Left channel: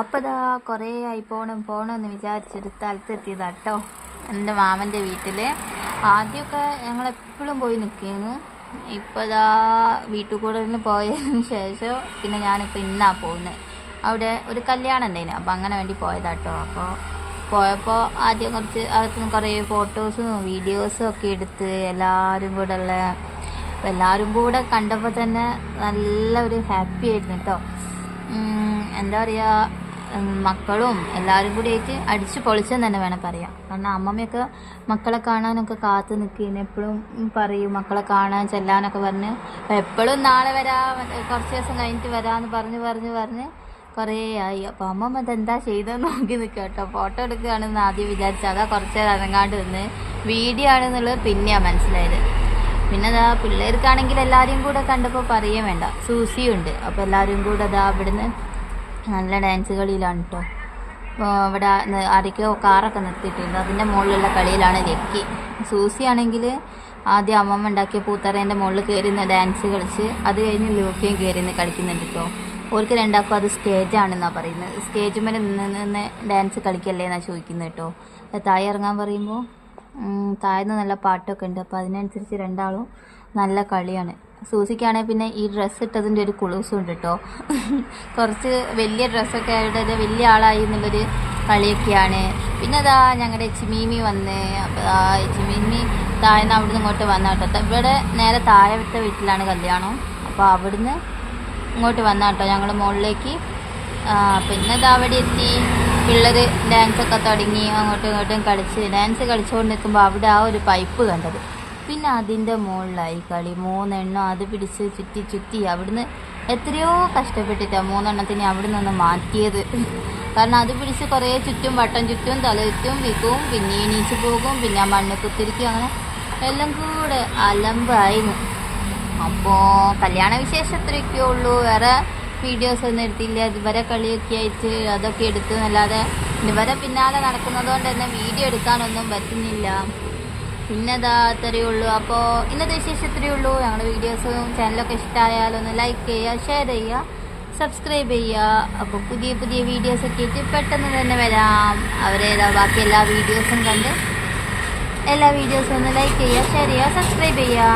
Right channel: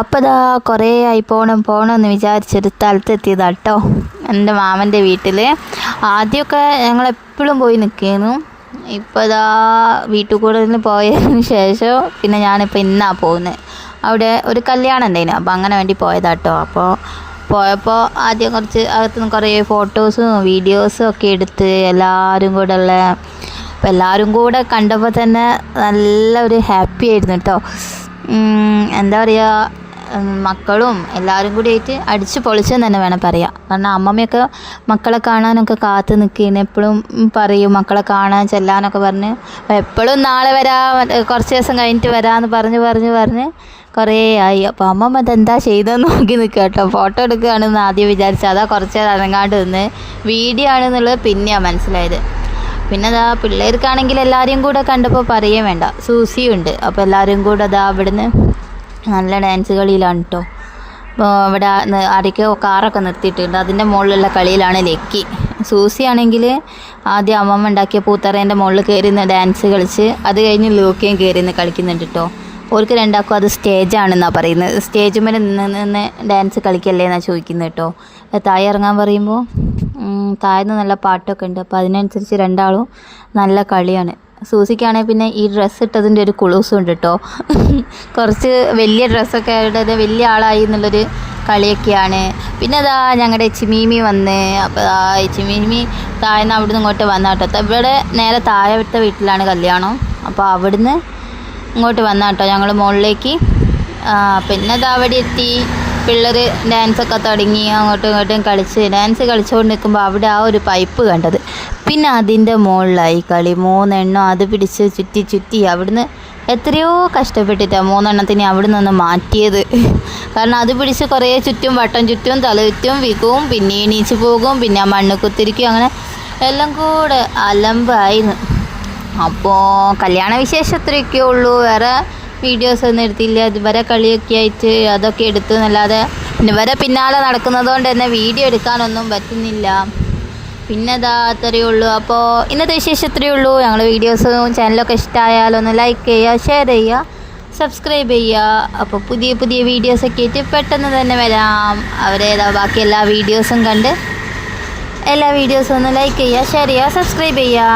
അപ്പോൾ ഇതാ കുറേ ആയി പോകണമെന്ന് വിചാരിച്ചൊരു സ്ഥലത്തെത്തിയതാണ് കേട്ടോ. എൻ്റെ മാമൻ്റെ വീട്ടിൽ ആദ്യമൊക്കെ ഞങ്ങളെപ്പോഴും പോയി നിൽക്കുന്നു. ഇപ്പോൾ ഇതാ വീട്ടിൽ കൂടുതൽ പോയതിന് ശേഷം പിന്നെ ഞാനിപ്പോൾ ഇന്നാണ് പോകുന്നത്. അവിടെ ഒരു കല്യാണം ഉണ്ടായിരുന്നു, അപ്പോൾ അങ്ങനെ വേണ്ടി പോയതാട്ടോ. അപ്പോൾ പോയപ്പോൾ ആദ്യം കുറച്ച് അകത്തുനിന്ന് കുറേ ഫോട്ടോസും വീഡിയോസും ഒക്കെ എടുത്ത് എല്ലാവരും കൂടെ ഉള്ള, അപ്പോൾ എല്ലാവരും കൂടെ കണ്ടപ്പോൾ തന്നെ നല്ലൊരു ഹാപ്പി ആയിരുന്നു കേട്ടോ. എന്താ പറയുക, മക്കളും എല്ലാവരും കൂടി ആയിട്ട് അടിച്ച് പൊളിച്ചെന്ന് തന്നെ വേണം പറയാം. കാരണം അമ്മമ്മയൊക്കെ മക്കളെ കാണാനൊക്കെ കാത്ത് നിൽക്കുന്നു, എപ്പോഴും പറയും മക്കളെ കാണാൻ ചെല്ലാനൊക്കെ പറഞ്ഞ്. എപ്പോഴും നാളെ കുറച്ച് ദിവസം കഴിഞ്ഞിട്ട് വരാമെന്ന് പറഞ്ഞ് കുറേ ആയി. അപ്പോൾ അമ്മമ്മ അതെന്താ ചെയ്തതെന്ന് നോക്കി നിൽക്കുക കേട്ടോ. ഫോട്ടോ എടുക്കുകയാണെന്ന് ആദ്യം വിചാരിച്ചത്, അതാ കുറച്ച് നേരം അനങ്ങാണ്ട് നിന്ന് വീഡിയോ ആണെന്നുള്ളത് പിന്നെയാണ് മനസ്സിലായത്. പിന്നെ അതാ പിള്ളേർക്കാണെങ്കിൽ എല്ലാവരെയും കൂടെ കണ്ടപ്പോൾ പറയുകയും വേണ്ട, സൂസിയുണ്ട്. അപ്പോൾ എല്ലാവരും കൂടെ അതാ അവിടുന്ന് നല്ല ഡാൻസ് കളിയിലാണ് കേട്ടോ. അപ്പോൾ അവിടെ ആരൊക്കെയോ കാറൊക്കെ നിർത്തിയിട്ടുണ്ട്, അതിൻ്റെ മുകളിലുള്ള കളിയിലാണ് ലക്കി. സൂസിയാണെങ്കിൽ ആദ്യം അമ്മമ്മ ഉണ്ടാക്കിയ പൂത്തറേൻ്റെ മുകളിൽ കയറി നിന്ന് ഡാൻസ് കളിച്ച്, അത് കഴിഞ്ഞ് ലൂക്കയും കയറി നിന്ന് കളിക്കുന്നുണ്ട് കേട്ടോ. ഓർക്ക് രണ്ടാക്കും അത് സ്റ്റേജാണെന്നാണ് പറയുന്നത്. സ്റ്റേജ് മേലെ നിന്ന് ഡാൻസ് കളിക്കല്ലേ എന്നാണ് ചോദിക്കുന്നത് കേട്ടോ. താഴെ ഇറങ്ങാൻ പറയുമ്പോൾ താഴ്ന്ന് നല്ല പാട്ടൊക്കെ ഉണ്ട്. അപ്പോൾ അതിനനുസരിച്ച് രണ്ടാളും നല്ല കളിയാണ്. സൂസിക്കാണെങ്കിൽ പിന്നെ ഈ ഡ്രസ്സ് ഇട്ടതിൻ്റെ ഒരു കുളൂസും ഉണ്ട് കേട്ടോ. കുറച്ച് വലിയ ഡ്രസ്സൊക്കെ ഇട്ടത് വലിയ ആളായി എന്നുള്ളൊരു കളിയൊക്കെയാണ്. പിന്നെ അതാ ഞങ്ങളുടെ എച്ചിമീമി വന്ന്, അപ്പോൾ എച്ചിമീമി താഴ്ന്ന് അവിടുന്ന് ഇങ്ങോട്ട് വന്ന കേട്ടോ. ഇവിടെ നേരെ താഴത്തെ വീട്ടിലാണ് കല്യാണം. അപ്പോൾ അവിടുന്ന് ഇങ്ങോട്ട് വന്ന കേട്ടോ ഞങ്ങൾ മുകളിലേക്ക്. പിന്നെ അത് അവിടെ എത്തി, പിള്ളേർ ഡാൻസൊക്കെ തുടങ്ങി അങ്ങോട്ടും ഇങ്ങോട്ടും ഡാൻസ് കളിച്ചുകൊണ്ട് നിൽക്കുമ്പോൾ അവിടെ ആ ഒരു പൈപ്പ് കണ്ടത്. പിന്നെ അതിൻ്റെ മുകളിലായി കളി, 3 എണ്ണം അത് പിടിച്ച് ചുറ്റി അവിടുന്ന് എത്രയോ കഷ്ടപ്പെട്ടിട്ടാണ് 3 എണ്ണത്തിന് അവിടെ നിന്ന് മാറ്റിയത്. കാരണം അത് പിടിച്ച് കുറേ വട്ടം ചുറ്റും തല ചുറ്റും വിൽക്കും, പിന്നെ എണീച്ച് പോകും, പിന്നെ ആ മണ്ണ് കുത്തിരിക്കും, അങ്ങനെ എല്ലാം കൂടെ അലമ്പായിരുന്നു. അപ്പോൾ കല്യാണ വിശേഷം അത്രയൊക്കെ ഉള്ളൂ, വേറെ വീഡിയോസ് ഒന്നും എടുത്തില്ല. ഇതുവരെ കളിയൊക്കെ ആയിട്ട് അതൊക്കെ എടുത്തു എന്നല്ലാതെ ഇവരെ പിന്നാലെ നടക്കുന്നത് കൊണ്ട് തന്നെ വീഡിയോ എടുക്കാനൊന്നും പറ്റുന്നില്ല. പിന്നെ അതാ അത്രയേ ഉള്ളൂ. അപ്പോൾ ഇന്നത്തെ വിശേഷം അത്രയേ ഉള്ളൂ. ഞങ്ങളുടെ വീഡിയോസും ചാനലൊക്കെ ഇഷ്ടമായാലൊന്ന് ലൈക്ക് ചെയ്യുക, ഷെയർ ചെയ്യുക, സബ്സ്ക്രൈബ് ചെയ്യുക. അപ്പോൾ പുതിയ വീഡിയോസൊക്കെ ആയിട്ട് പെട്ടെന്ന് തന്നെ വരാം. ബാക്കി എല്ലാ വീഡിയോസും കണ്ട് എല്ലാ വീഡിയോസും ഒന്ന് ലൈക്ക് ചെയ്യുക, ഷെയർ ചെയ്യുക, സബ്സ്ക്രൈബ് ചെയ്യുക.